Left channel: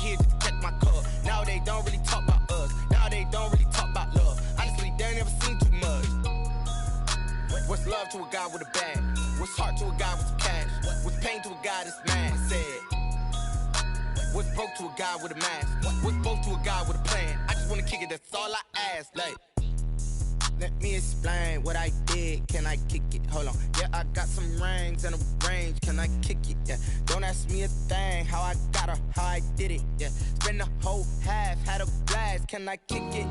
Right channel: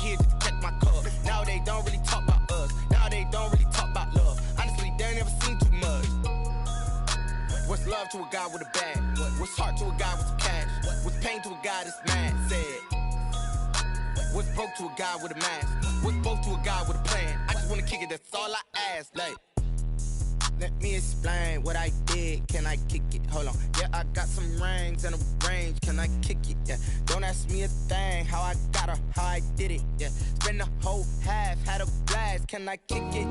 here just to catch my cup. Now they don't really talk about us. Now they don't really talk about love. Honestly, they ain't never seen too much. What's love to a guy with a bag? What's heart to a guy with some cash? What's pain to a guy that's mad? Said. What's broke to a guy with a mask? What's both to a guy with a plan? I just wanna kick it, that's all I ask. Like, let me explain what I did. Can I kick it? Hold on. Yeah, I got some rings and a range. Can I kick it? Yeah. Don't ask me a thing. How I got her, how I did it. Yeah. Spend the whole half, had a blast. Can I kick it?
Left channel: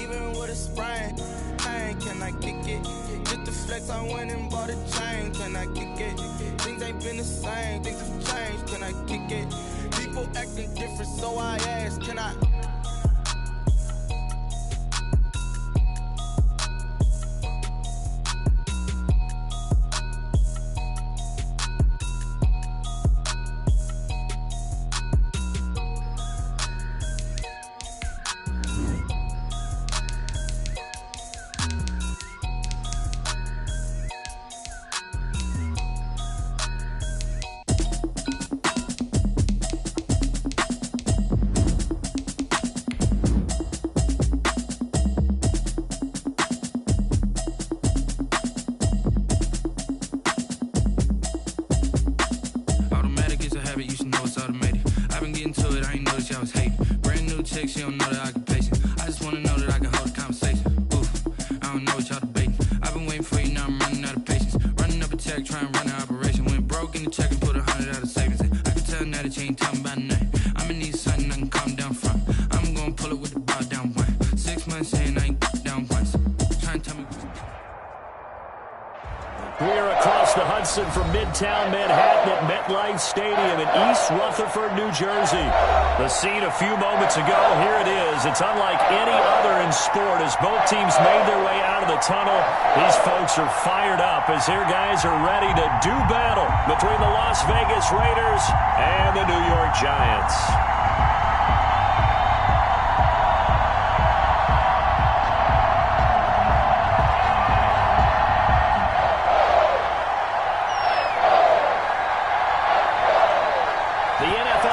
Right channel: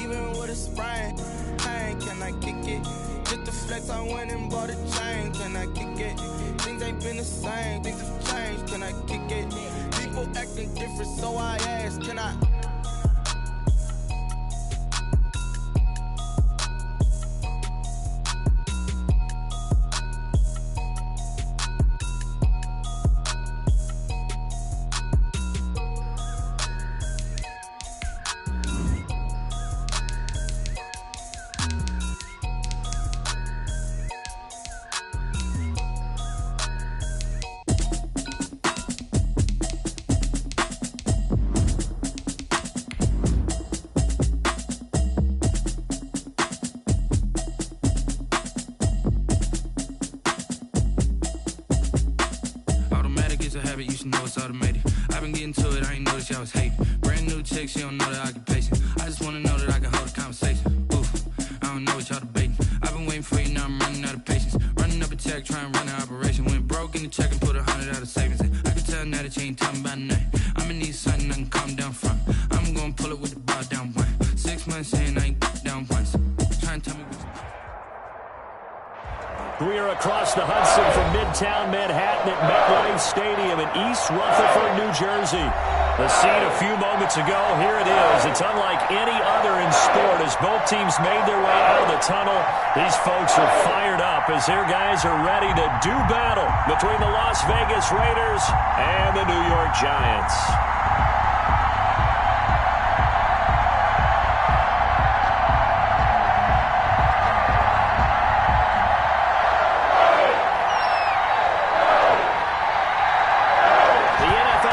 Even with a sprain. Pain, can I kick it? Just the flex, I went and bought a chain. Can I kick it? Things ain't been the same. Things have changed. Can I kick it? People acting different, so I ask, can I? You should know it's automated. I've been getting to it, I ain't noticed y'all was hating. Brand new chick, she don't know the occupation. I just wanna know that I can hold a conversation. Oof, I don't know what y'all debating. I've been waiting for you, now I'm running out of patience. Running up a check, trying to run an operation. Went broke in the check and put 100 out of savings. I can tell now that you ain't talking about nothing. I'ma need something I can calm down from. I'm gonna pull it with the bar down one. 6 months saying I ain't down once. Trying to tell me what you... We are across the Hudson from Midtown Manhattan at MetLife Stadium in East Rutherford, New Jersey. The scene a few moments ago, here it is. It's unlike any other in sport as both teams made their way out of the tunnel. These folks are fired up as their guys are ready to do battle between the Las Vegas Raiders and the New York Giants.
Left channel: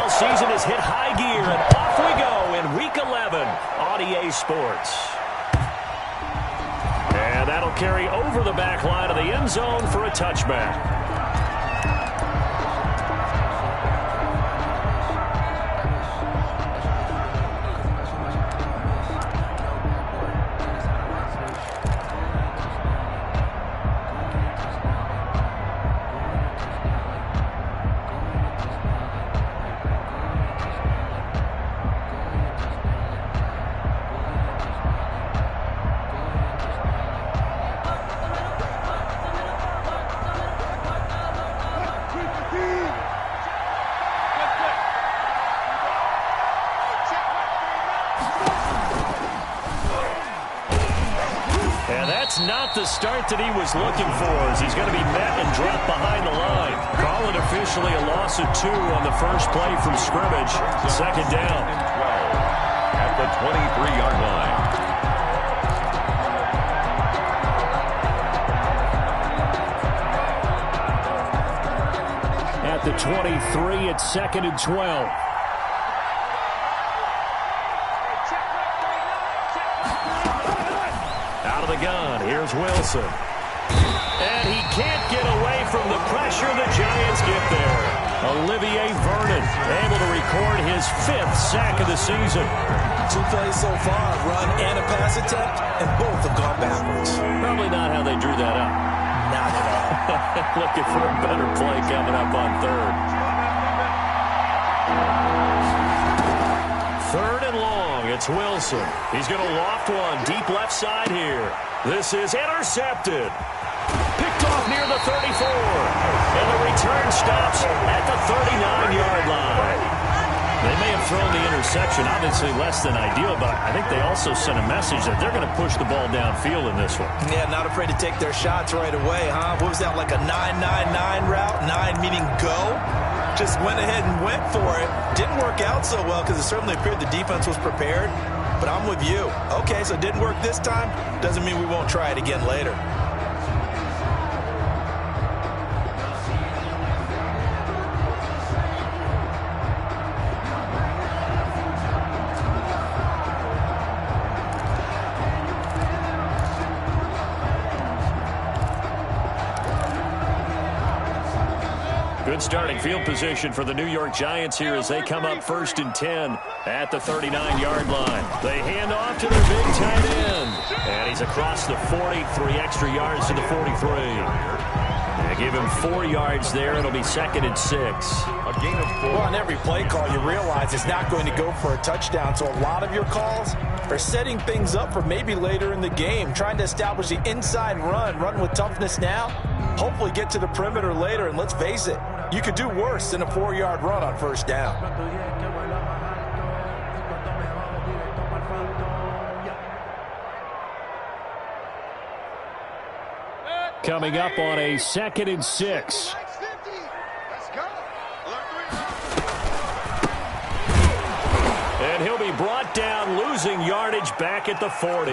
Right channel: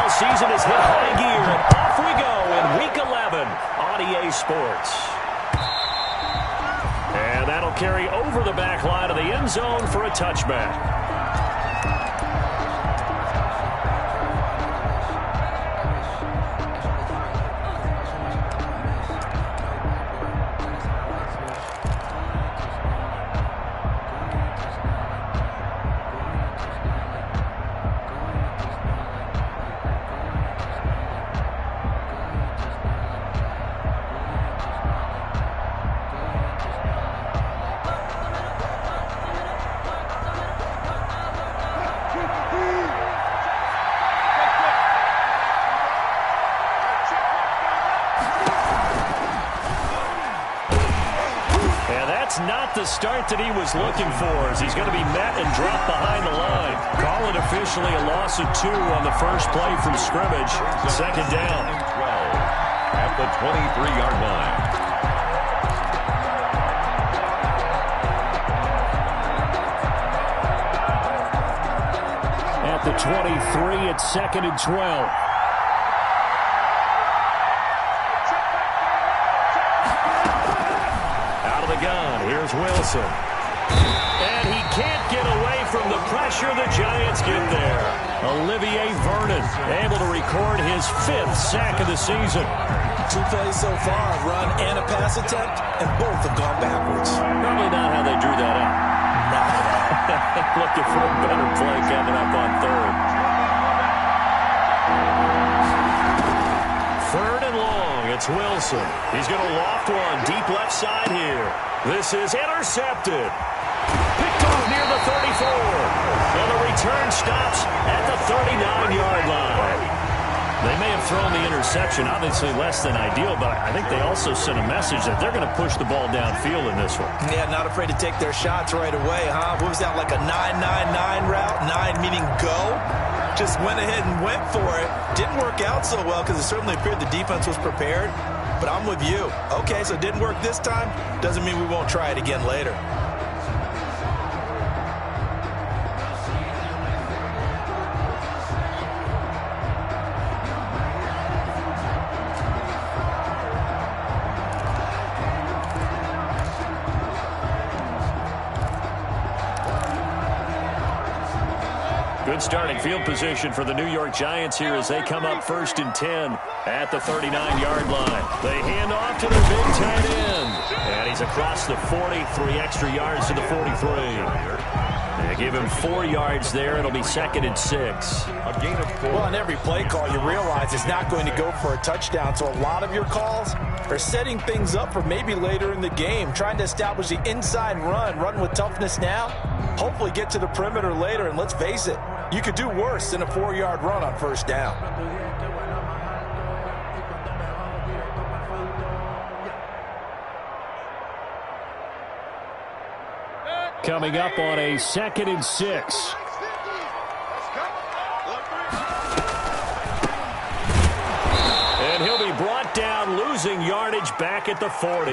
Season has hit high gear, and off we go in Week 11 on EA Sports. And that'll carry over the back line of the end zone for a touchback. Not the start that he was looking for as he's going to be met and dropped behind the line. Call it officially a loss of 2 on the first play from scrimmage. Second down. 12 at the 23-yard line. At the 23, it's 2nd and 12. The gun. Here's Wilson. And he can't get away from the pressure. The Giants get there. Olivier Vernon able to record his 5th sack of the season. 2 plays so far, a run and a pass attempt, and both have gone backwards. Probably not how they drew that up. Not at all. Looking for a better play coming up on 3rd. 3rd and long. It's Wilson. He's going to loft one deep left side here. This is intercepted. Picked off near the 34. And the return stops at the 39-yard line. They may have thrown the interception, obviously less than ideal, but I think they also sent a message that they're going to push the ball downfield in this one. Yeah, not afraid to take their shots right away, huh? What was that, like a 9-9-9 route? 9 meaning go? Just went ahead and went for it. Didn't work out so well because it certainly appeared the defense was prepared. But I'm with you. Okay, so it didn't work this time. Doesn't mean we won't try it again later. Good starting field position for the New York Giants here as they come up 1st and 10 at the 39-yard line. They hand off to their big tight end. And he's across the 40, 3 extra yards to the 43. They give him 4 yards there. It'll be 2nd and 6. A gain of 4. Well, on every play call, you realize it's not going to go for a touchdown. So a lot of your calls are setting things up for maybe later in the game, trying to establish the inside run with toughness now, hopefully get to the perimeter later. And let's face it, you could do worse than a 4-yard run on 1st down. Coming up on a 2nd and 6. And he'll be brought down, losing yardage back at the 40.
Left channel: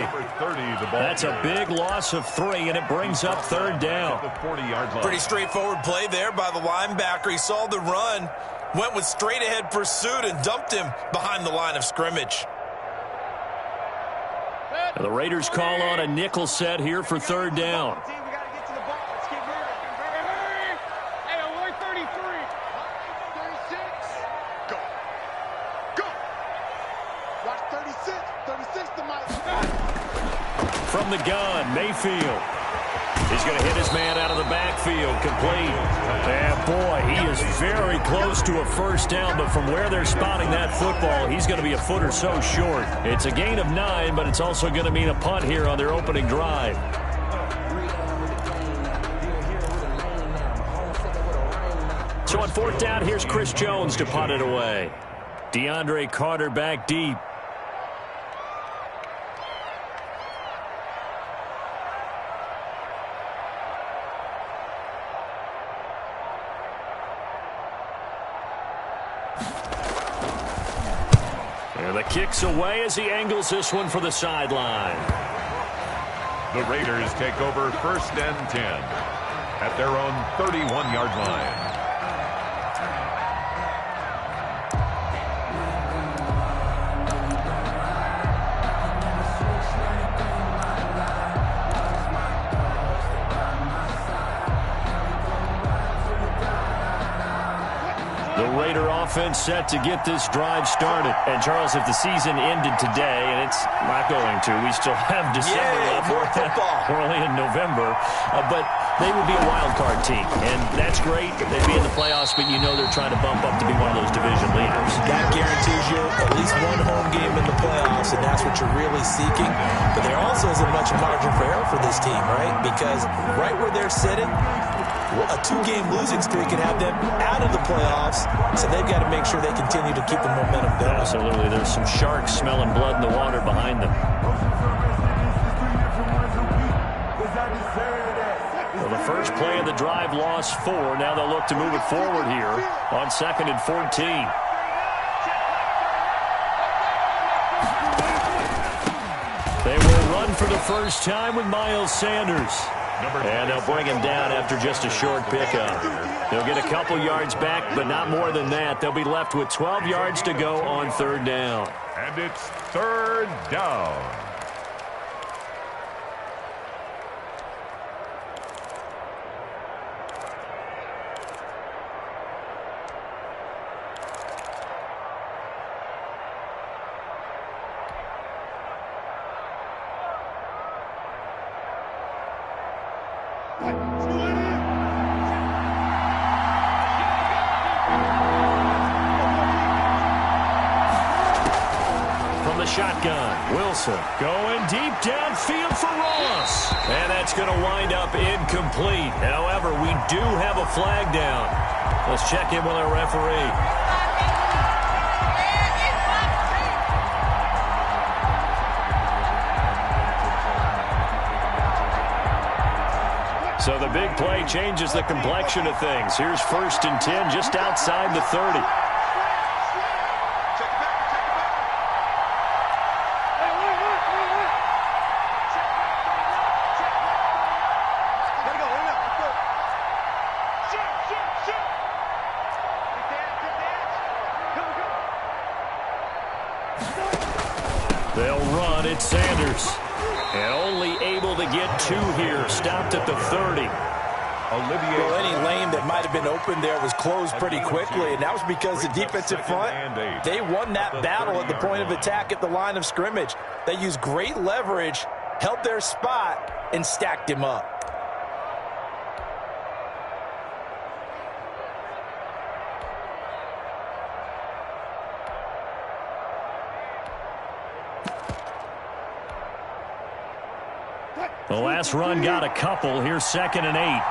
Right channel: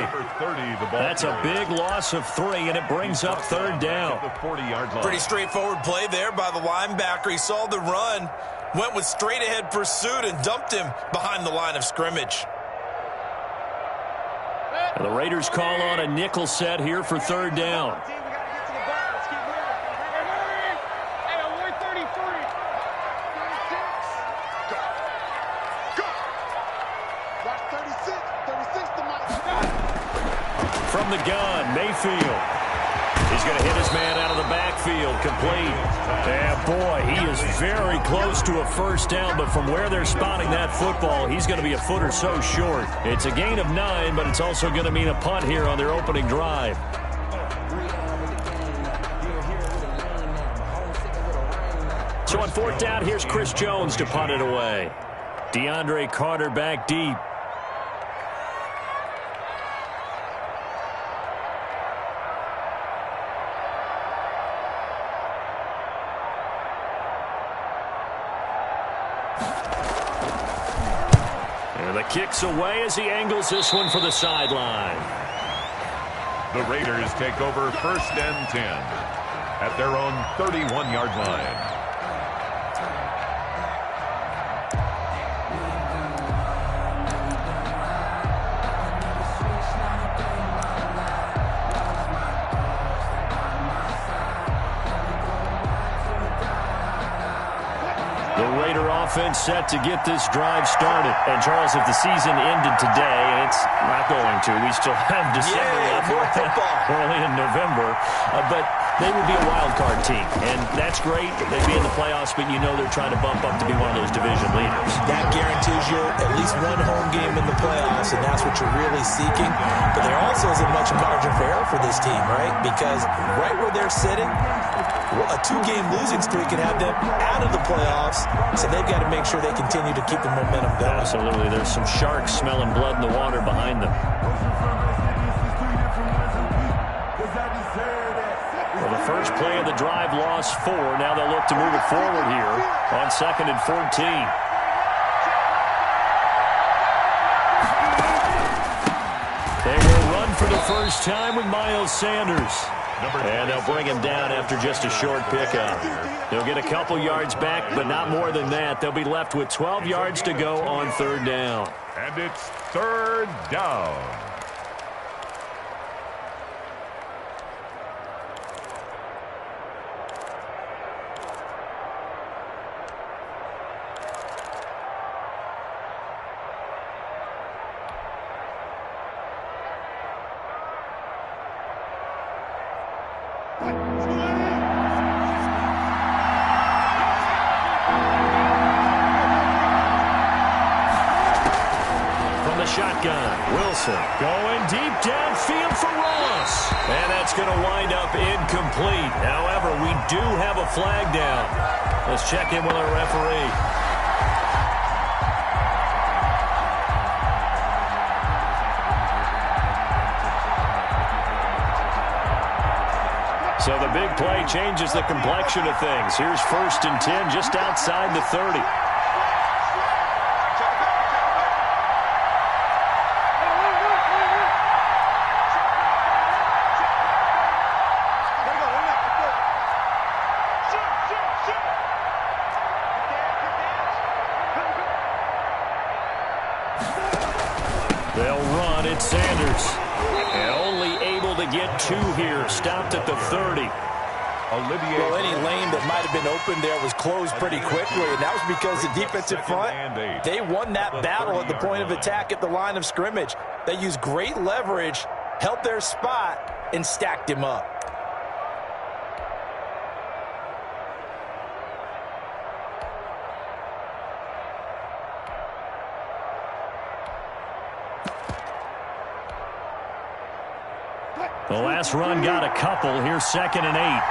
That's a big loss of 3, and it brings up 3rd down. Pretty straightforward play there by the linebacker. He saw the run, went with straight-ahead pursuit, and dumped him behind the line of scrimmage. The Raiders call on a nickel set here for 3rd down. From the gun, Mayfield. He's going to hit his man out of the backfield, complete. And boy, he is very close to a 1st down, but from where they're spotting that football, he's going to be a foot or so short. It's a gain of 9, but it's also going to mean a punt here on their opening drive. So on 4th down, here's Chris Jones to punt it away. DeAndre Carter back deep. And the kick's away as he angles this one for the sideline. The Raiders take over 1st and 10 at their own 31-yard line. The Raider offense set to get this drive started. And, Charles, if the season ended today, and it's not going to, we still have December left. More football. We're only in November. But they would be a wild card team. And that's great. They'd be in the playoffs, but you know they're trying to bump up to be one of those division leaders. That guarantees you at least one home game in the playoffs, and that's what you're really seeking. But there also isn't much margin for error for this team, right? Because right where they're sitting, a 2-game losing streak can have them out of the playoffs, so they've got to make sure they continue to keep the momentum going. Absolutely. There's some sharks smelling blood in the water behind them. Well, the first play of the drive lost 4. Now they'll look to move it forward here on 2nd and 14. They will run for the first time with Miles Sanders. And they'll bring him down after just a short pickup. They'll get a couple yards back, but not more than that. They'll be left with 12 yards to go on 3rd down. And it's 3rd down. Shotgun. Wilson going deep downfield for Ross. And that's going to wind up incomplete. However, we do have a flag down. Let's check in with our referee. So the big play changes the complexion of things. Here's 1st and 10 just outside the 30. They'll run. It's Sanders. And only able to get 2 here. Stopped at the 30. Well, any lane that might have been open there was closed pretty quickly, and that was because the defensive front, they won that battle at the point of attack at the line of scrimmage. They used great leverage, held their spot, and stacked him up. The last run got a couple. Here's 2nd and 8.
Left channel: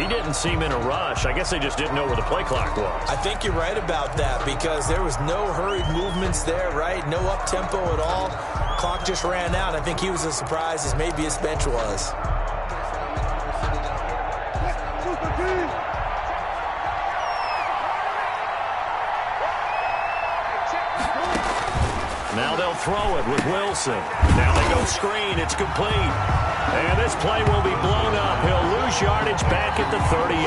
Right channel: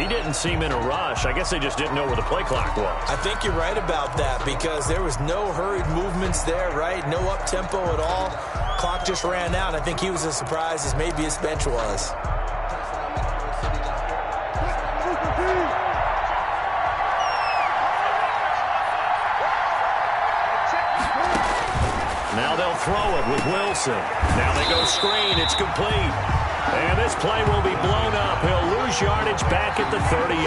He didn't seem in a rush. I guess they just didn't know where the play clock was. I think you're right about that because there was no hurried movements there, right? No up-tempo at all. Clock just ran out. I think he was as surprised as maybe his bench was. Now they'll throw it with Wilson. Now they go screen. It's complete. And this play will be blown up. He'll lose yardage back at the 38.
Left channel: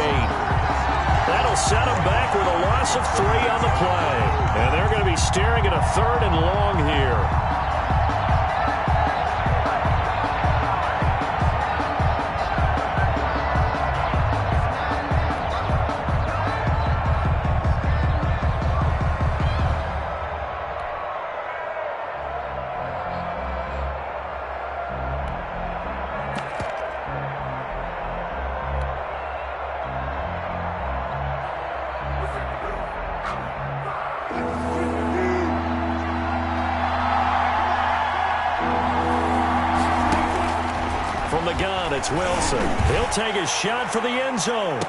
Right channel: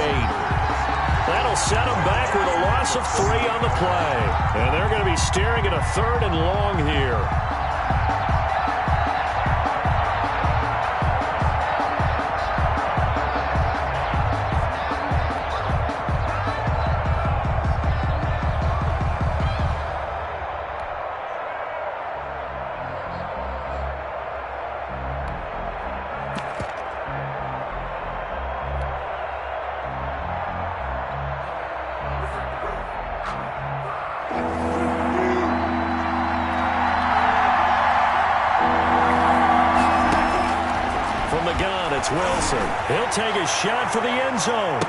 That'll set him back with a loss of 3 on the play. And they're going to be staring at a 3rd and long here. From the gun, it's Wilson. He'll take a shot for the end zone.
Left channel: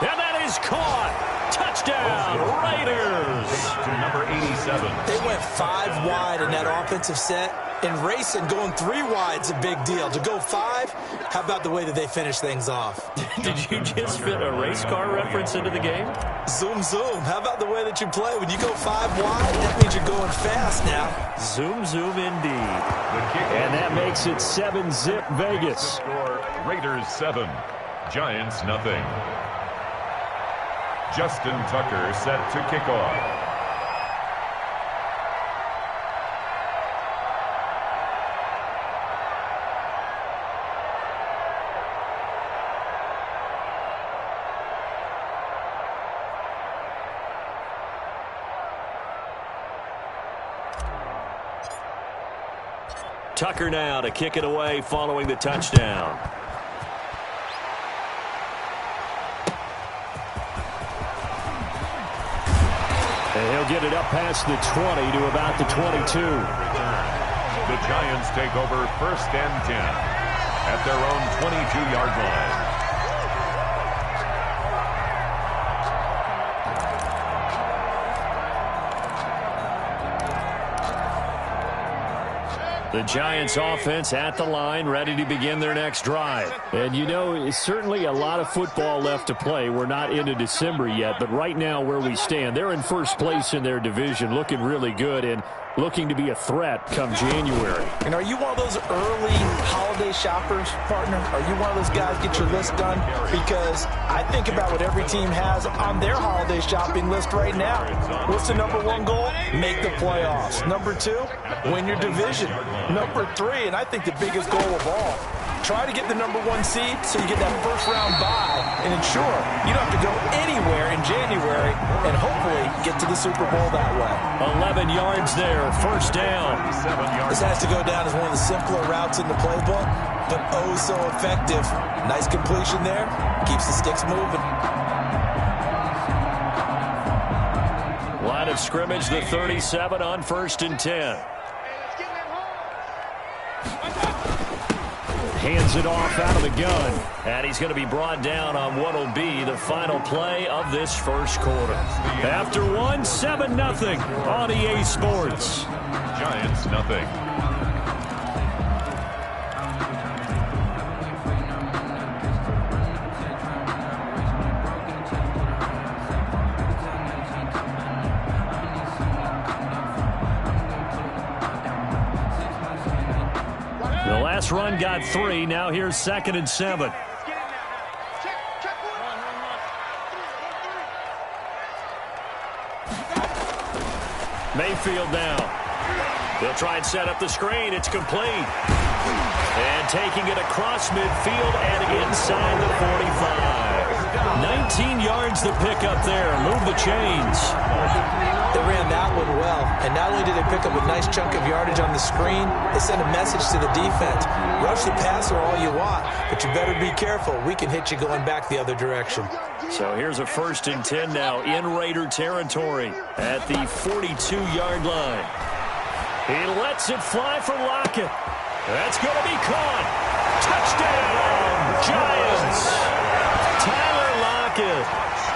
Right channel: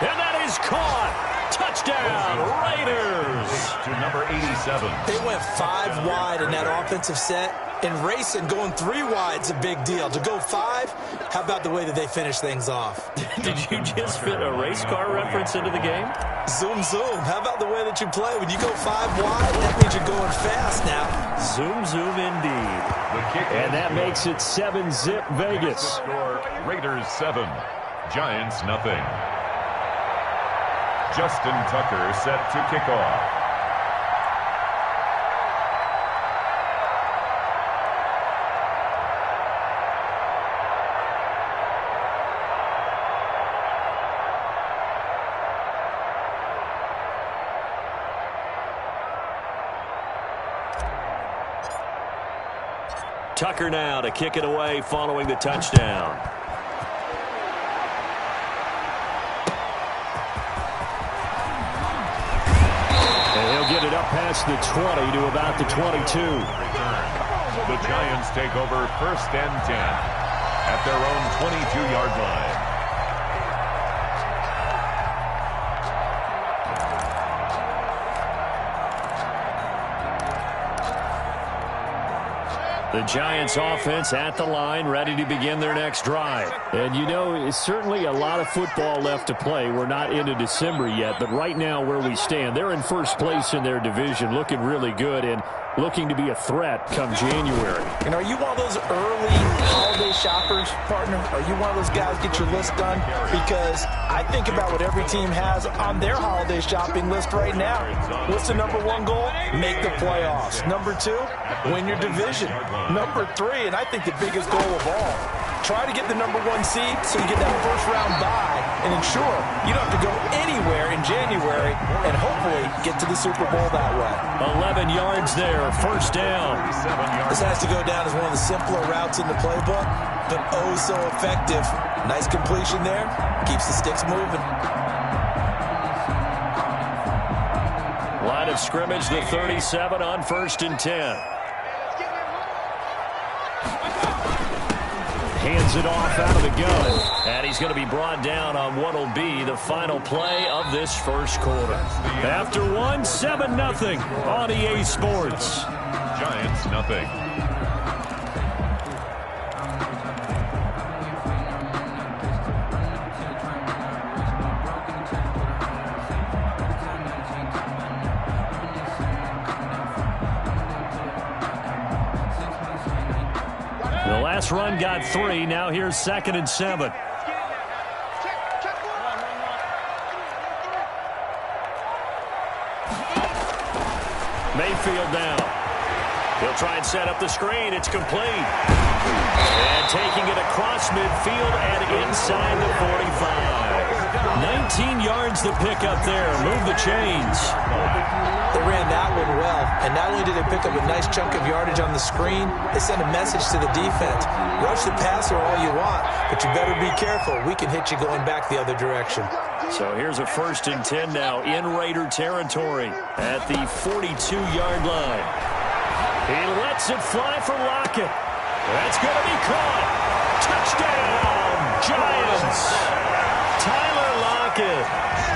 And that is caught. Touchdown, Raiders. To number 87. They went 5 wide in that offensive set. And racing, going 3 wide's a big deal. To go 5, how about the way that they finish things off? Did you just fit a race car reference into the game? Zoom, zoom. How about the way that you play? When you go 5 wide, that means you're going fast now. Zoom, zoom indeed. And that makes it 7-zip Vegas. Score, Raiders 7, Giants nothing. Justin Tucker set to kick off. Tucker now to kick it away following the touchdown. And he'll get it up past the 20 to about the 22. The Giants take over 1st and 10 at their own 22-yard line. The Giants offense at the line, ready to begin their next drive. And you know, it's certainly a lot of football left to play. We're not into December yet, but right now where we stand, they're in first place in their division, looking really good and looking to be a threat come January. And are you one of those early holiday shoppers, partner? Are you one of those guys get your list done? Because I think about what every team has on their holiday shopping list right now. What's the number 1 goal? Make the playoffs. Number 2, win your division. Number 3, and I think the biggest goal of all, try to get the number 1 seed so you get that first-round bye and ensure you don't have to go anywhere in January and hopefully get to the Super Bowl that way. 11 yards there, first down. This has to go down as one of the simpler routes in the playbook, but oh so effective. Nice completion there. Keeps the sticks moving. Line of scrimmage, the 37 on 1st and 10. Hands it off out of the gun. And he's going to be brought down on what will be the final play of this first quarter. After 1, 7-0 on EA Sports. Giants nothing. The last run got 3. Now here's 2nd and 7. Mayfield now. He'll try and set up the screen. It's complete. And taking it across midfield and inside the 45. 19 yards to pick up there. Move the chains. They ran that one well, and not only did they pick up a nice chunk of yardage on the screen, they sent a message to the defense. Rush the passer all you want, but you better be careful. We can hit you going back the other direction. So here's a 1st and 10 now in Raider territory at the 42-yard line. He lets it fly for Lockett. That's going to be caught. Touchdown, Giants. Tyler Lockett,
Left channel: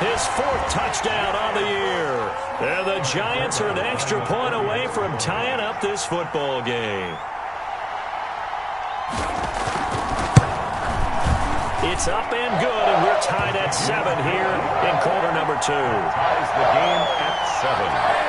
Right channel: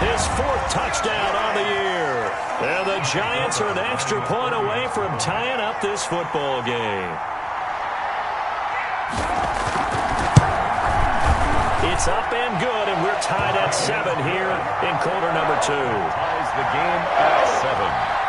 his 4th touchdown on the year. And the Giants are an extra point away from tying up this football game. It's up and good, and we're tied at 7 here in quarter number 2. Ties the game at 7.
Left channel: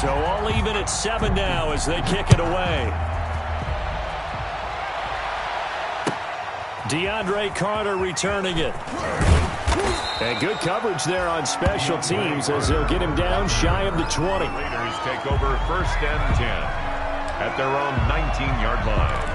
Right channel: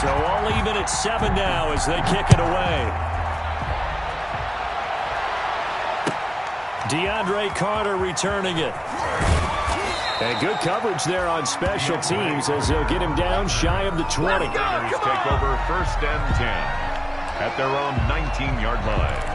So all even at 7 now as they kick it away. DeAndre Carter returning it. And good coverage there on special teams as they'll get him down shy of the 20. Raiders take over 1st and 10 at their own 19-yard line.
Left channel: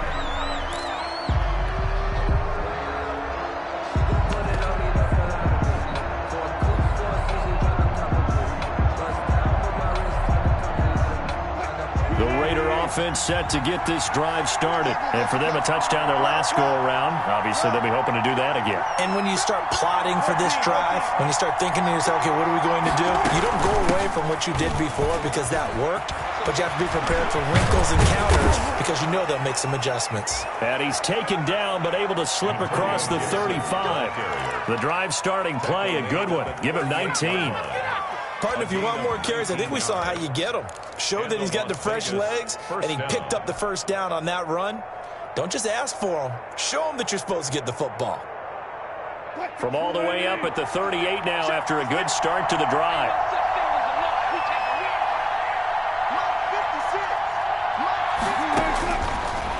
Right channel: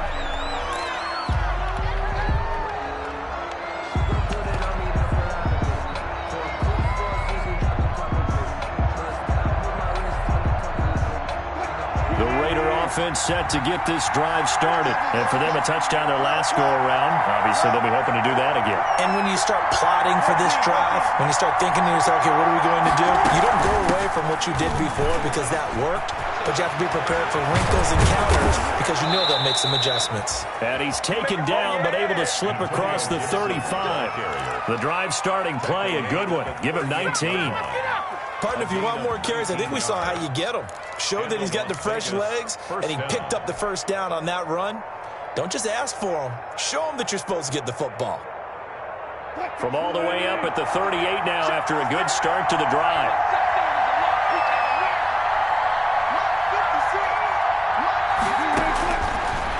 Offense set to get this drive started. And for them, a touchdown their last go-around. Obviously, they'll be hoping to do that again. And when you start plotting for this drive, when you start thinking to yourself, okay, what are we going to do? You don't go away from what you did before because that worked, but you have to be prepared for wrinkles and counters because you know they'll make some adjustments. And he's taken down but able to slip across the 35. The drive starting play, a good one. Give him 19. Partner, if you want more carries, I think we saw how you get them. Showed that he's got the fresh legs, and he picked up the 1st down on that run. Don't just ask for him. Show him that you're supposed to get the football. From all the way up at the 38 now after a good start to the drive.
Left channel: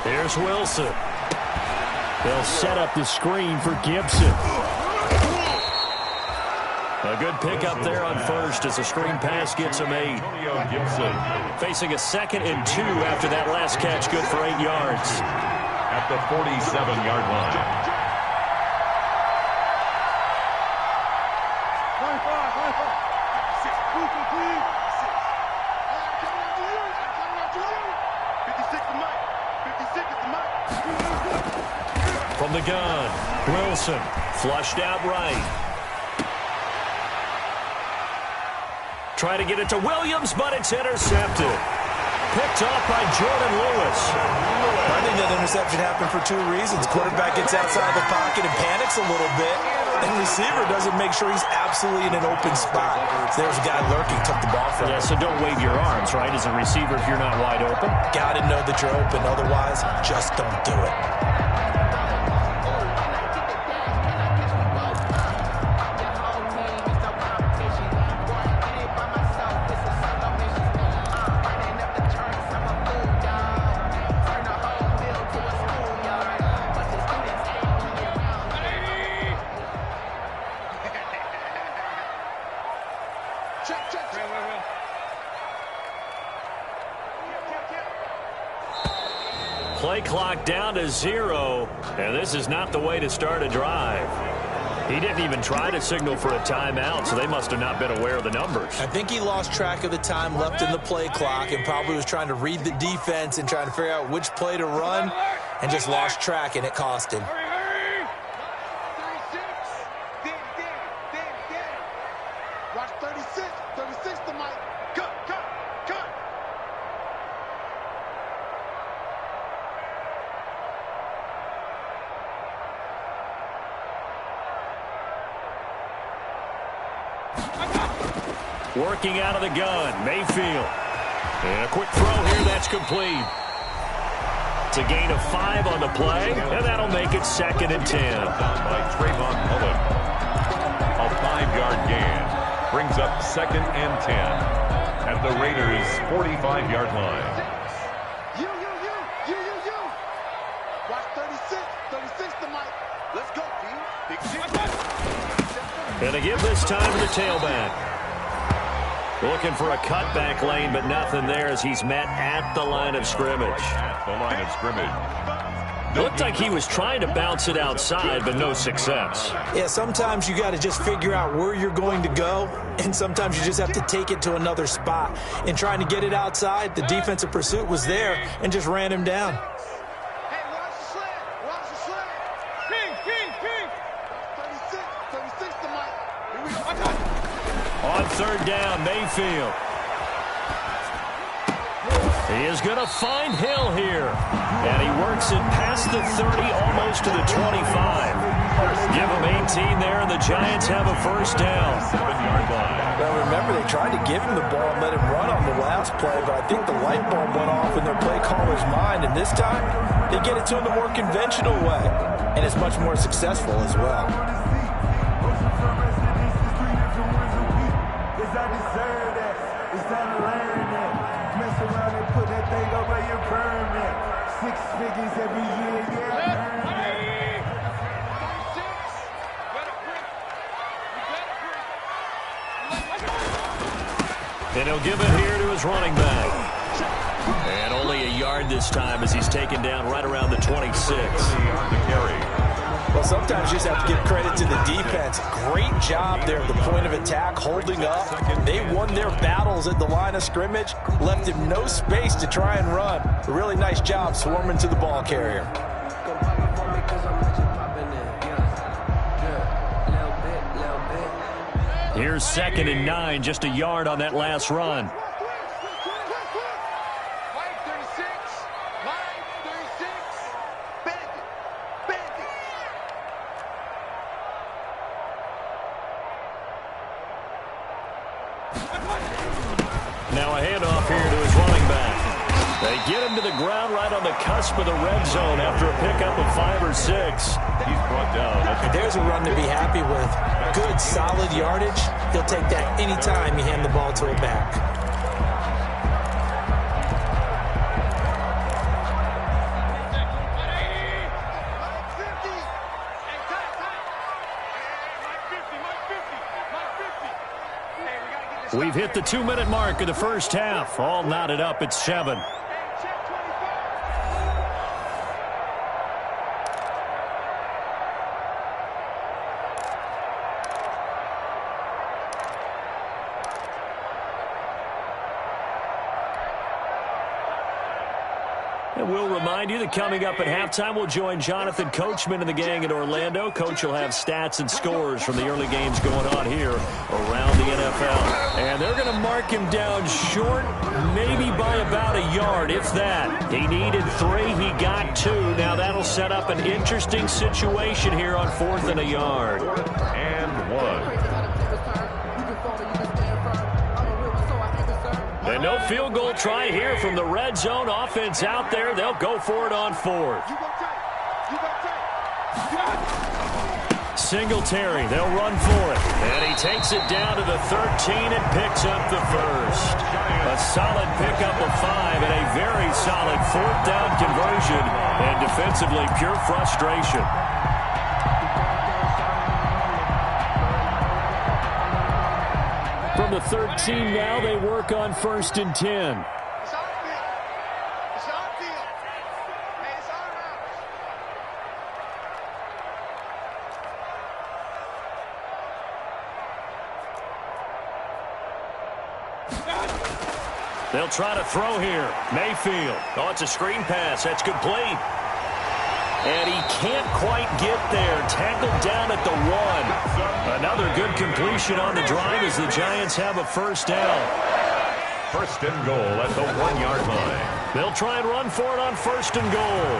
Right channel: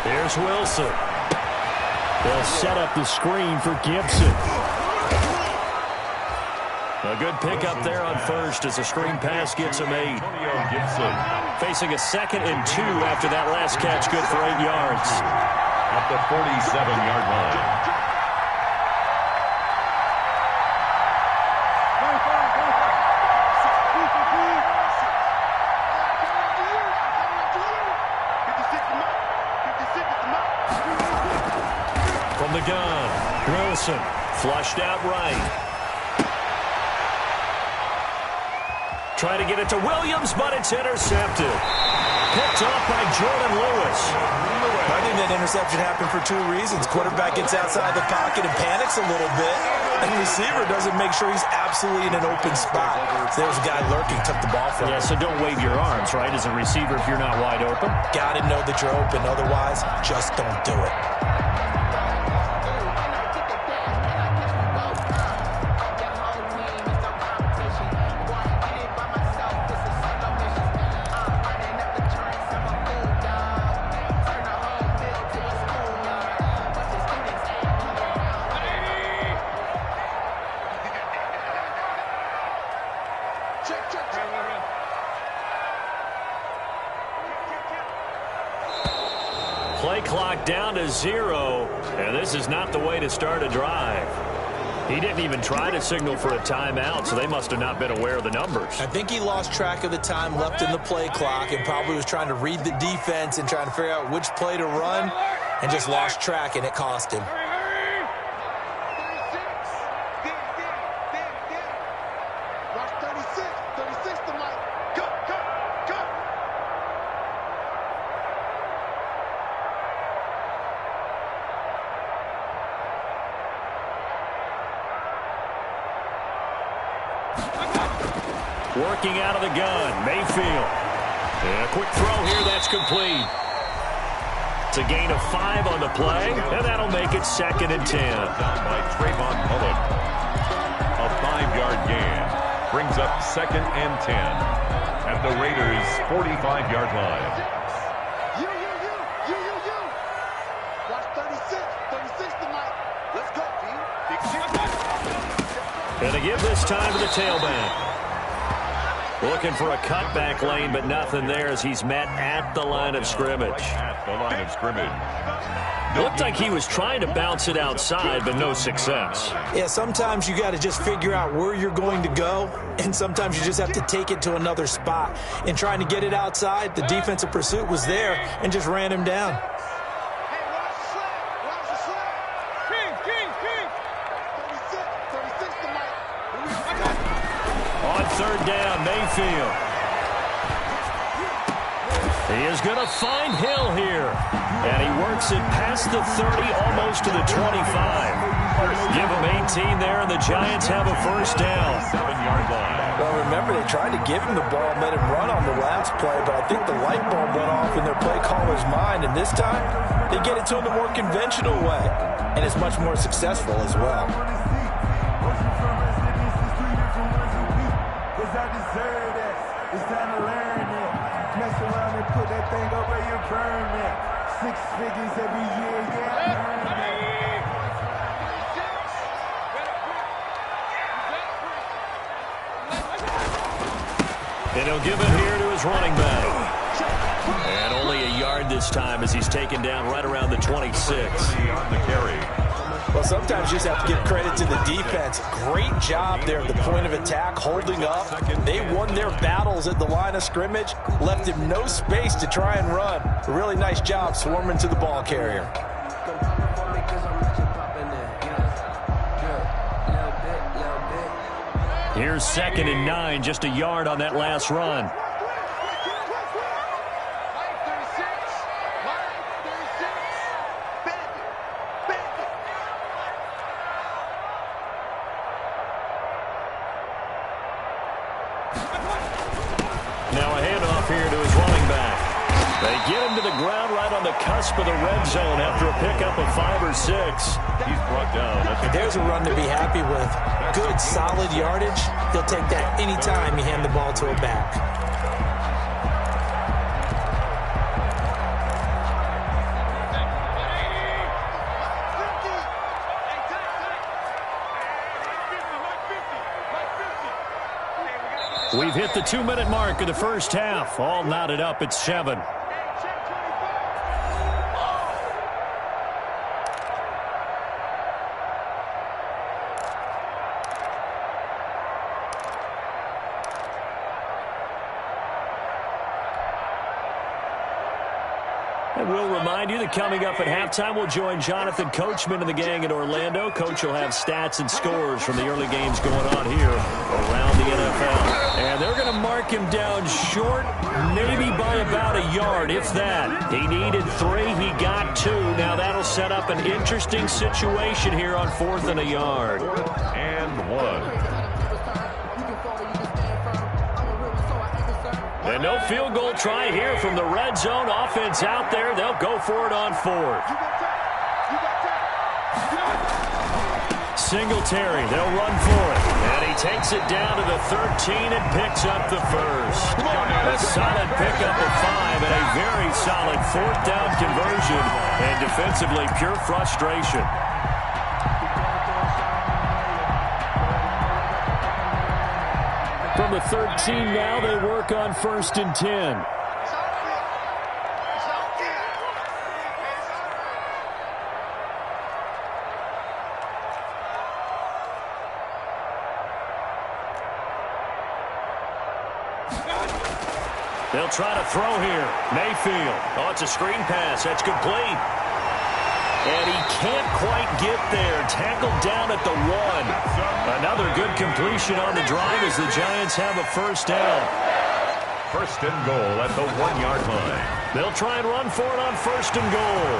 Here's Wilson. They'll set up the screen for Gibson. A good pickup there on 1st as a screen pass gets him 8. Gibson facing a 2nd and 2 after that last catch, good for 8 yards. At the 47-yard line. From the gun, Wilson flushed out right. Try to get it to Williams, but it's intercepted. Picked off by Jordan Lewis. I think that interception happened for 2 reasons. Quarterback gets outside the pocket and panics a little bit, and receiver doesn't make sure he's absolutely in an open spot. So there's a guy lurking, took the ball from him. Yeah, so don't wave your arms, right, as a receiver if you're not wide open. Got to know that you're open. Otherwise, just don't do it. Play clock down to 0, and this is not the way to start a drive. He didn't even try to signal for a timeout, so they must have not been aware of the numbers. I think he lost track of the time left in the play clock and probably was trying to read the defense and trying to figure out which play to run and just lost track, and it cost him. Watch 36. 36 to Mike. Cut. Working out of the gun, Mayfield. And a quick throw here, that's complete. It's a gain of 5 on the play, and that'll make it 2nd and 10. Down by Trayvon Mullen. A 5-yard gain brings up 2nd and 10 at the Raiders' 45-yard line. And they give this time to the tailback. Looking for a cutback lane, but nothing there as he's met at the line of scrimmage. Right at the line of scrimmage. Looked like he was trying to bounce it outside, but no success. Yeah, sometimes you got to just figure out where you're going to go, and sometimes you just have to take it to another spot. In trying to get it outside, the defensive pursuit was there and just ran him down. Hey, watch the slant. Watch the slant. King. 36 to Mike. Here we go. On third down, Mayfield. He is going to find Hill here. And he works it past the 30, almost to the 25. Give him 18 there, and the Giants have a first down. 7-yard line. Well, remember, they tried to give him the ball and let him run on the last play, but I think the light bulb went off in their play caller's mind, and this time they get it to him the more conventional way, and it's much more successful as well. It's time to learn it. Mess around and put that thing over your permit. 6 figures every year, yeah. Earn it. 36. You better breathe. And he'll give it here to his running back. And only a yard this time as he's taken down right around the 26. On the carry. Well, sometimes you just have to give credit to the defense. Great job there at the point of attack, holding up. They won their battles at the line of scrimmage, left him no space to try and run. A really nice job swarming to the ball carrier. Here's 2nd and 9, just a yard on that last run. Mike 36. Mike 36. Bandit. Now a handoff here to his running back. They get him to the ground right on the cusp of the red zone after a pickup of 5 or 6. He's brought down. There's a run to be happy with. Good, solid yardage. He'll take that anytime you hand the ball to a back. We've hit the 2-minute mark of the first half. All knotted up at 7. And we'll remind you that coming up at halftime, we'll join Jonathan Coachman and the gang in Orlando. Coach will have stats and scores from the early games going on here around the NFL. And they're going to mark him down short, maybe by about a yard, if that. He needed 3, he got 2. Now that'll set up an interesting situation here on 4th and a yard. 4th and 1. And no field goal try here from the red zone. Offense out there. They'll go for it on 4th. Singletary, they'll run for it. And he takes it down to the 13 and picks up the first. A solid pickup of 5 and a very solid 4th down conversion. And defensively, pure frustration. From the 13 now, they work on 1st and 10. They'll try to throw here. Mayfield. Oh, it's a screen pass. That's complete. And he can't quite get there. Tackled down at the 1. Another good completion on the drive as the Giants have a first down. 1st and goal at the 1-yard line. They'll try and run for it on 1st and goal.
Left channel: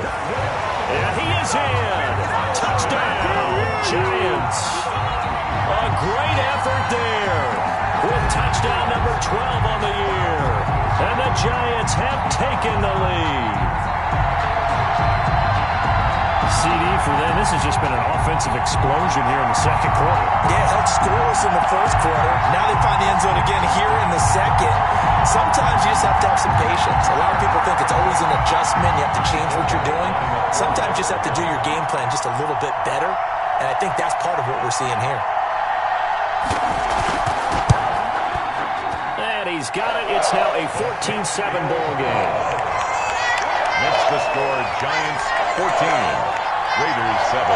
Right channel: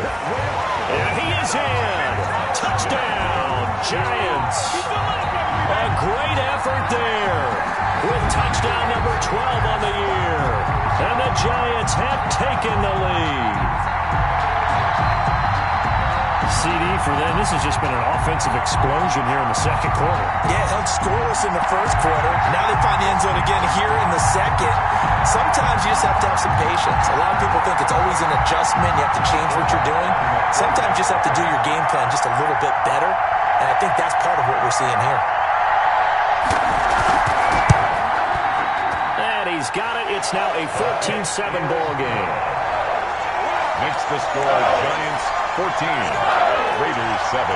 And he is in. Touchdown, Giants. A great effort there with touchdown number 12 on the year. And the Giants have taken the lead. CD for them. This has just been an offensive explosion here in the 2nd quarter. Yeah, held scoreless in the 1st quarter. Now they find the end zone again here in the 2nd. Sometimes you just have to have some patience. A lot of people think it's always an adjustment. You have to change what you're doing. Sometimes you just have to do your game plan just a little bit better. And I think that's part of what we're seeing here. And he's got it. It's now a 14-7 ball game. Makes the score Giants 14, Raiders 7.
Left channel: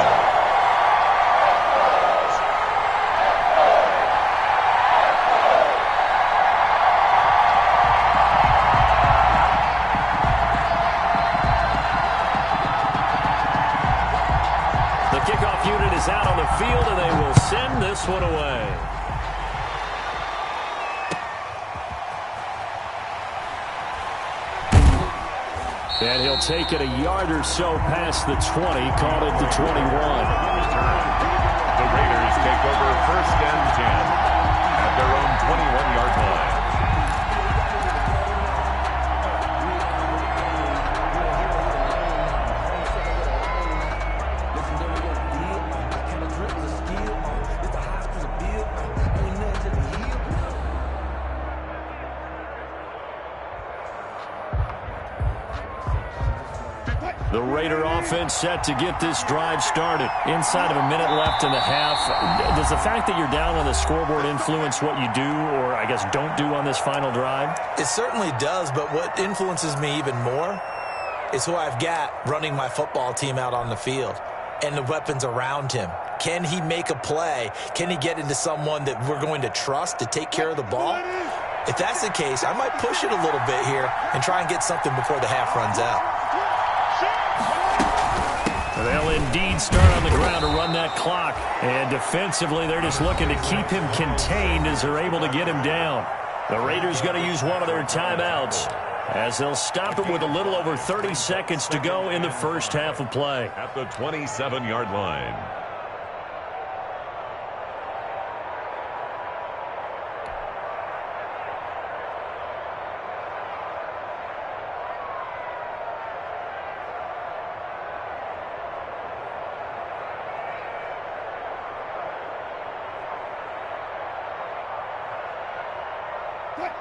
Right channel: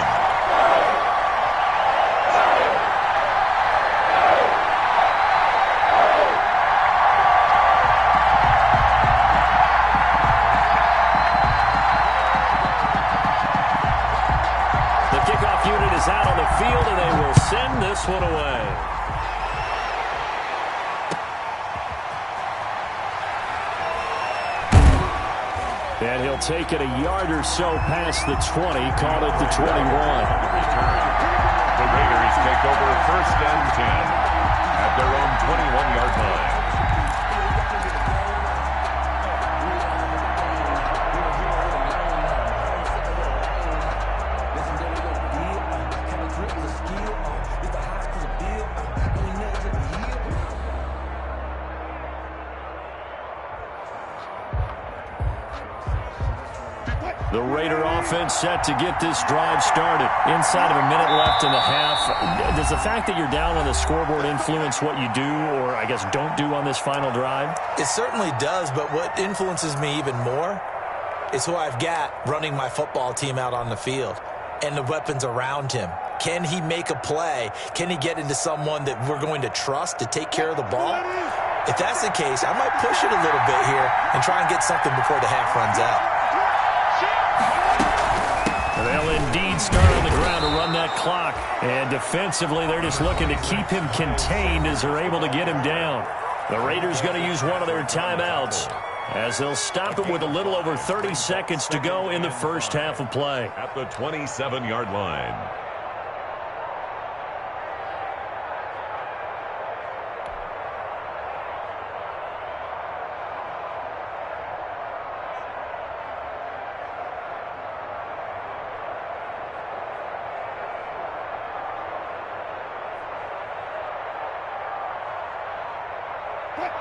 The kickoff unit is out on the field, and they will send this one away. And he'll take it a yard or so past the 20, call it the 21. The Raiders take over 1st and 10 at their own 21-yard line. The Raider offense set to get this drive started. Inside of a minute left in the half. Does the fact that you're down on the scoreboard influence what you do, or I guess don't do on this final drive? It certainly does, but what influences me even more is who I've got running my football team out on the field and the weapons around him. Can he make a play? Can he get into someone that we're going to trust to take care of the ball? If that's the case, I might push it a little bit here and try and get something before the half runs out. They'll indeed start on the ground to run that clock. And defensively, they're just looking to keep him contained as they're able to get him down. The Raiders going to use one of their timeouts as they'll stop it with a little over 30 seconds to go in the first half of play. At the 27-yard line.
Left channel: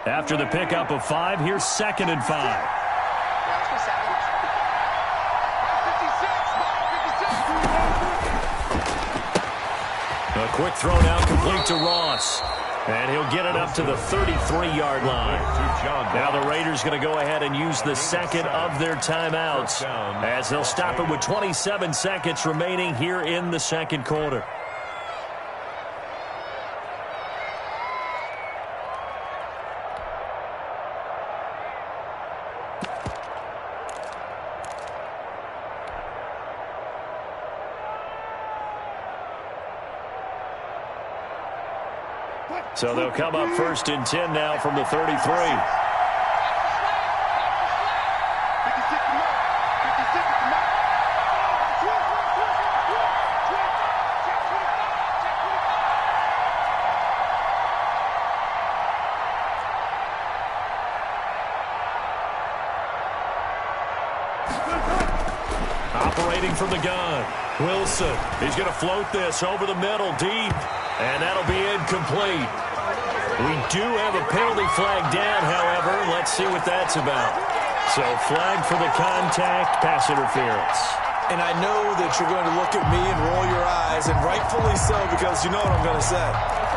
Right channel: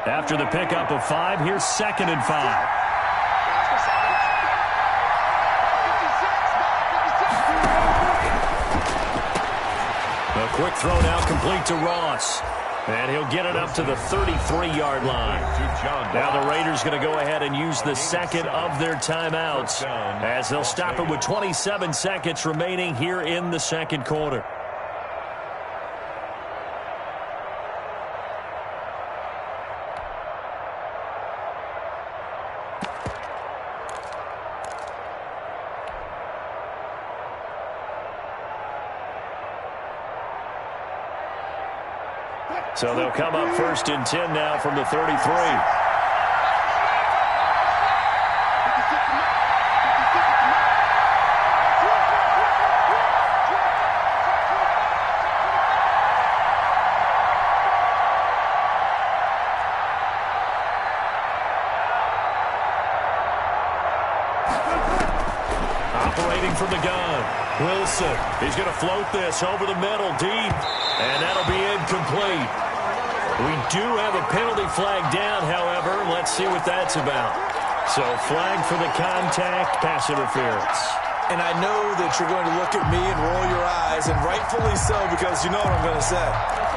After the pickup of 5, here's 2nd and 5. A quick throw now complete to Ross. And he'll get it up to the 33-yard line. Now the Raiders going to go ahead and use the second of their timeouts as they'll stop it with 27 seconds remaining here in the second quarter. So they'll come up 1st and 10 now from the 33. Operating from the gun, Wilson. He's going to float this over the middle deep, and that'll be incomplete. We do have a penalty flag down, however. Let's see what that's about. So flag for the contact, pass interference. And I know that you're going to look at me and roll your eyes, and rightfully so, because you know what I'm going to say.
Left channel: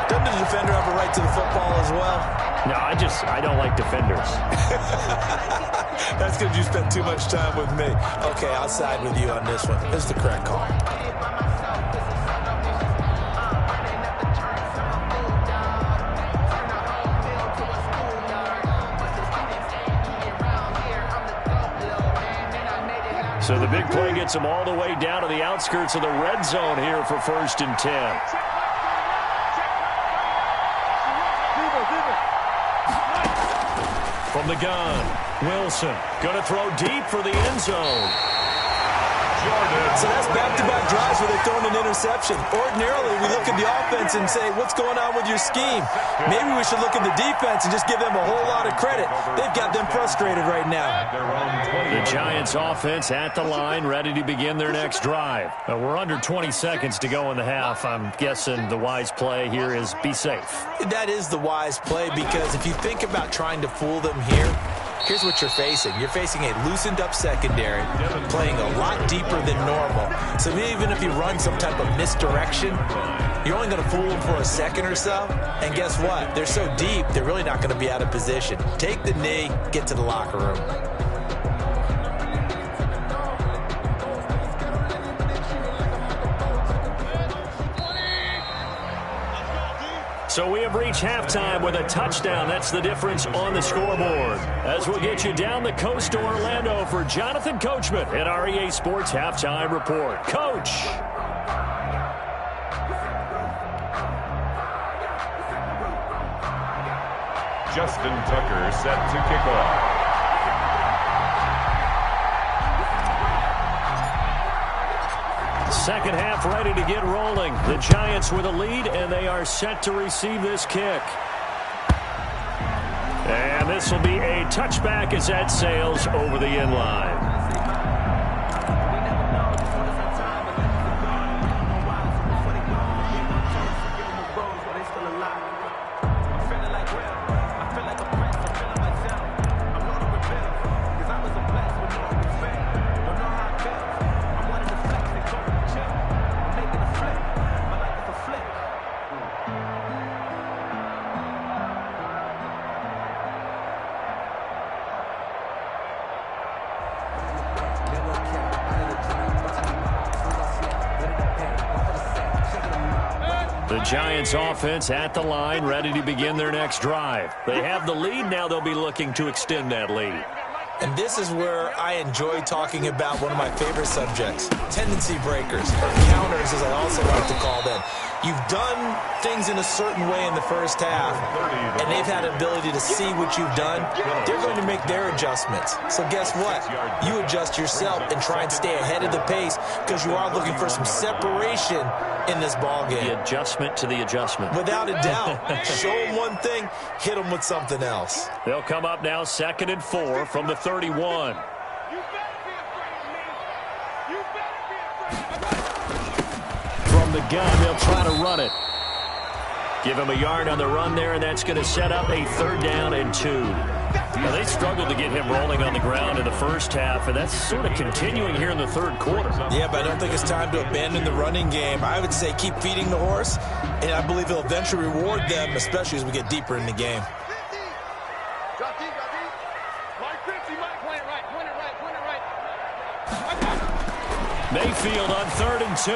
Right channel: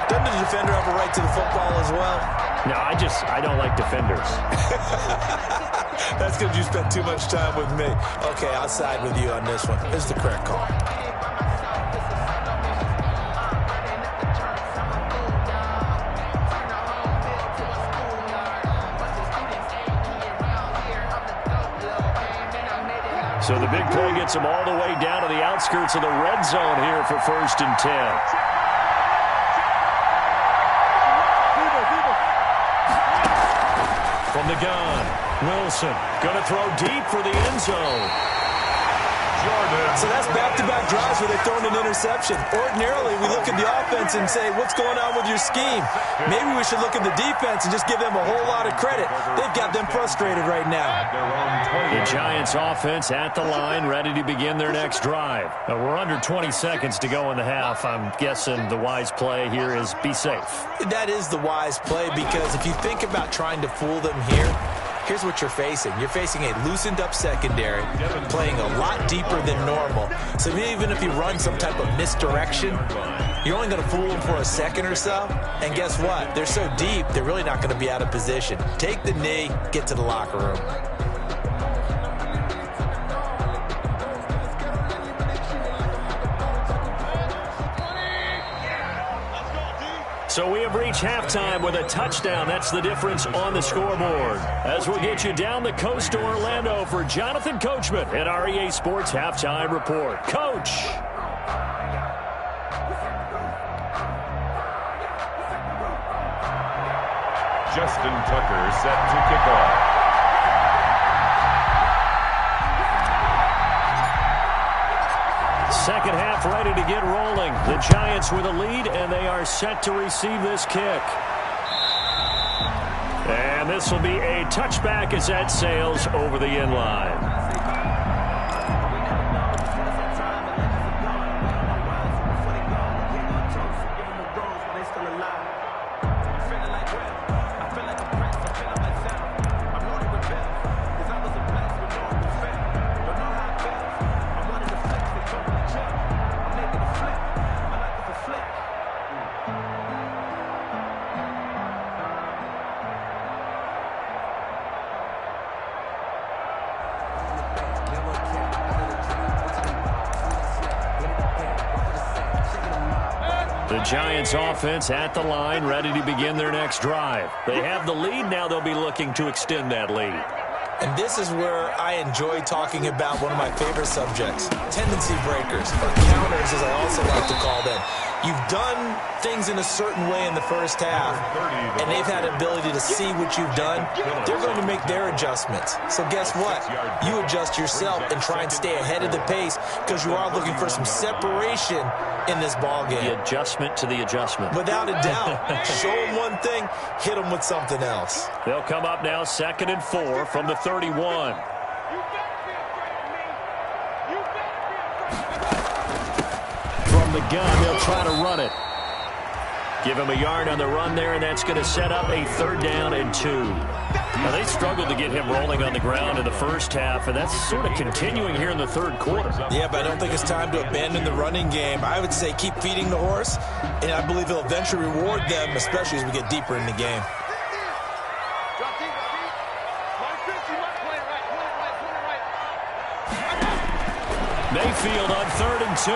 Doesn't the defender have a right to the football as well? No, I don't like defenders. That's because you spent too much time with me. Okay, I'll side with you on this one. This is the correct call. So the big play gets them all the way down to the outskirts of the red zone here for 1st and 10. From the gun, Wilson going to throw deep for the end zone. So that's back-to-back drives where they're throwing an interception. Ordinarily, we look at the offense and say, what's going on with your scheme? Maybe we should look at the defense and just give them a whole lot of credit. They've got them frustrated right now. The Giants offense at the line, ready to begin their next drive. We're under 20 seconds to go in the half. I'm guessing the wise play here is be safe. That is the wise play, because if you think about trying to fool them here, here's what you're facing. You're facing a loosened-up secondary, playing a lot deeper than normal. So even if you run some type of misdirection, you're only going to fool them for a second or so. And guess what? They're so deep, they're really not going to be out of position. Take the knee, get to the locker room. So we have reached halftime with a touchdown. That's the difference on the scoreboard. As we'll get you down the coast to Orlando for Jonathan Coachman at our EA Sports Halftime Report. Coach. Justin Tucker set to kick off. Second half ready to get rolling. The Giants with a lead, and they are set to receive this kick. And this will be a touchback as that sails over the end line. The Giants offense at the line, ready to begin their next drive. They have the lead. Now they'll be looking to extend that lead. And this is where I enjoy talking about one of my favorite subjects, tendency breakers, or counters as I also like to call them. You've done things in a certain way in the first half, and they've had an ability to see what you've done. They're going to make their adjustments. So guess what? You adjust yourself and try and stay ahead of the pace because you are looking for some separation in this ball game. The adjustment to the adjustment. Without a doubt. Show them one thing, hit them with something else. They'll come up now 2nd and 4 from the 31. From the gun, they'll try to run it. Give him a yard on the run there, and that's going to set up a 3rd down and 2. Now, they struggled to get him rolling on the ground in the first half, and that's sort of continuing here in the 3rd quarter. Yeah, but I don't think it's time to abandon the running game. I would say keep feeding the horse, and I believe he'll eventually reward them, especially as we get deeper in the game. Mayfield on 3rd and 2.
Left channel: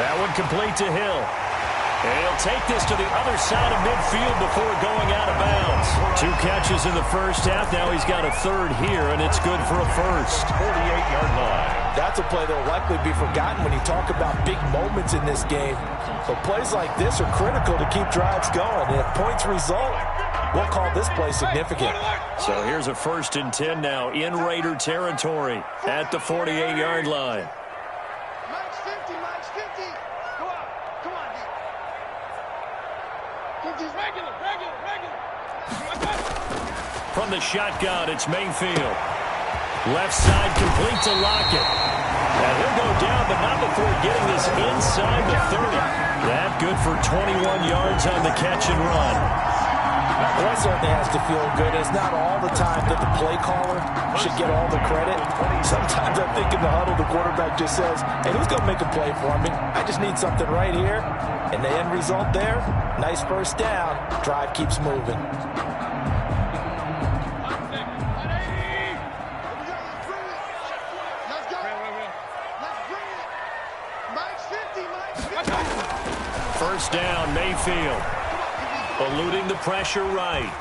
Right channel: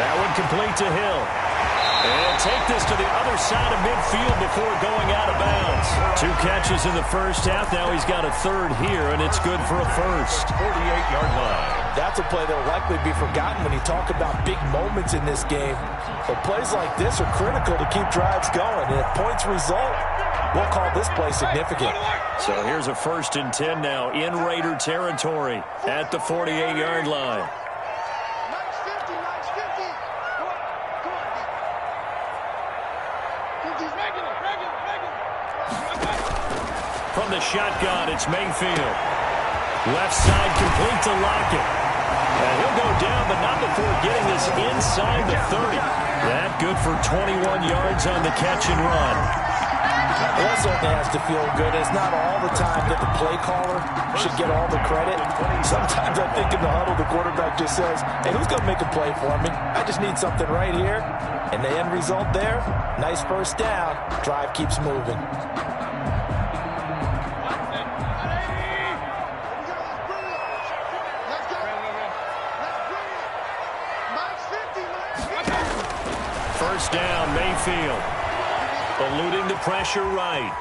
That one complete to Hill. And he'll take this to the other side of midfield before going out of bounds. 2 catches in the first half. Now he's got a 3rd here, and it's good for a first. 48-yard line. That's a play that will likely be forgotten when you talk about big moments in this game. But plays like this are critical to keep drives going. And if points result, we'll call this play significant. So here's a 1st and 10 now in Raider territory at the 48-yard line. From the shotgun, it's Mayfield. Left side complete to Lockett. And he'll go down, but not before getting this inside the 30. That good for 21 yards on the catch and run. Well, that certainly has to feel good. It's not all the time that the play caller should get all the credit. Sometimes I think in the huddle, the quarterback just says, hey, who's going to make a play for me? I just need something right here. And the end result there, nice 1st down. Drive keeps moving. First down, Mayfield. Eluding the pressure right.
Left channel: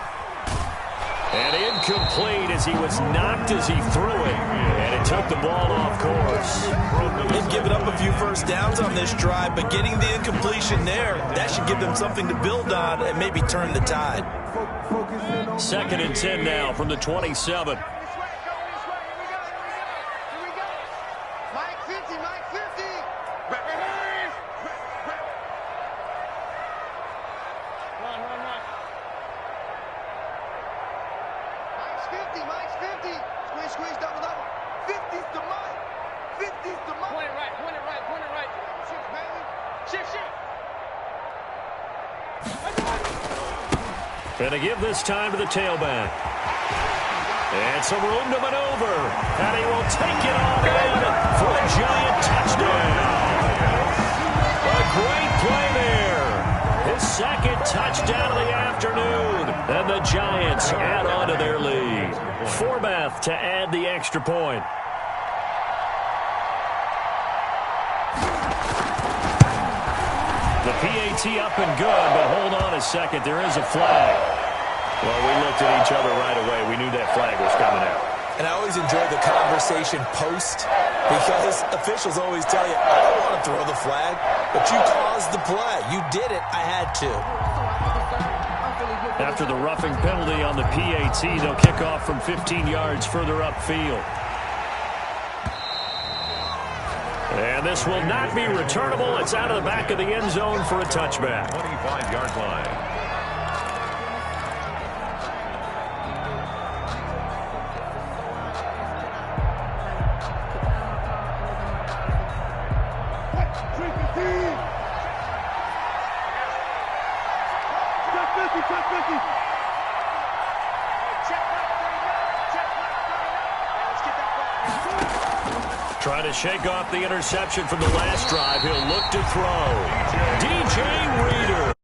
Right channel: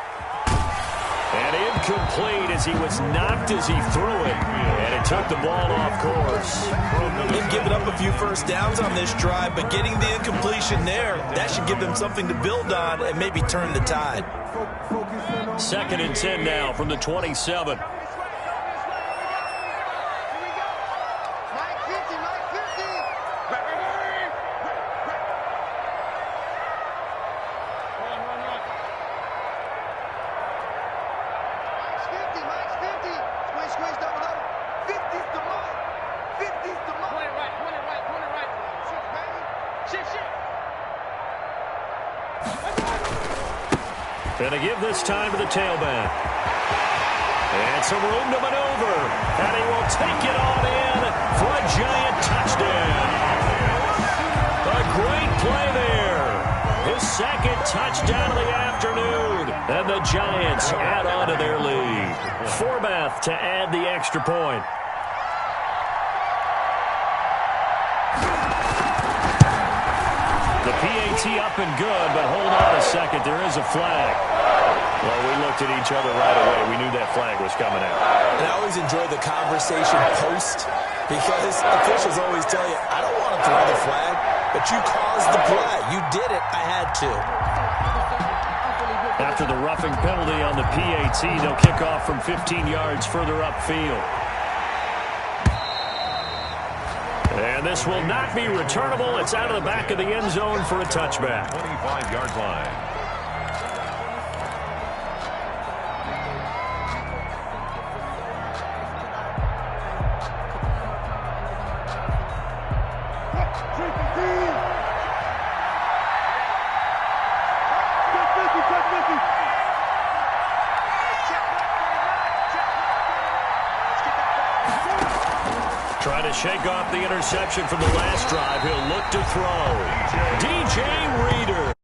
And incomplete as he was knocked as he threw it. And it took the ball off course. They've given up a few first downs on this drive, but getting the incompletion there, that should give them something to build on and maybe turn the tide. 2nd and 10 now from the 27. And to give this time to the tailback. And some room to maneuver. And he will take it on in for a Giant touchdown. A great play there. His second touchdown of the afternoon. And the Giants add on to their lead. Forbath to add the extra point. The PAT up and good, but hold on a second. There is a flag. Well, we looked at each other right away. We knew that flag was coming out. And I always enjoy the conversation post because officials always tell you, I don't want to throw the flag, but you caused the play. You did it. I had to. After the roughing penalty on the PAT, they'll kick off from 15 yards further upfield. And this will not be returnable. It's out of the back of the end zone for a touchback. 25-yard line. Trying to shake off the interception from the last drive. He'll look to throw. DJ Reader.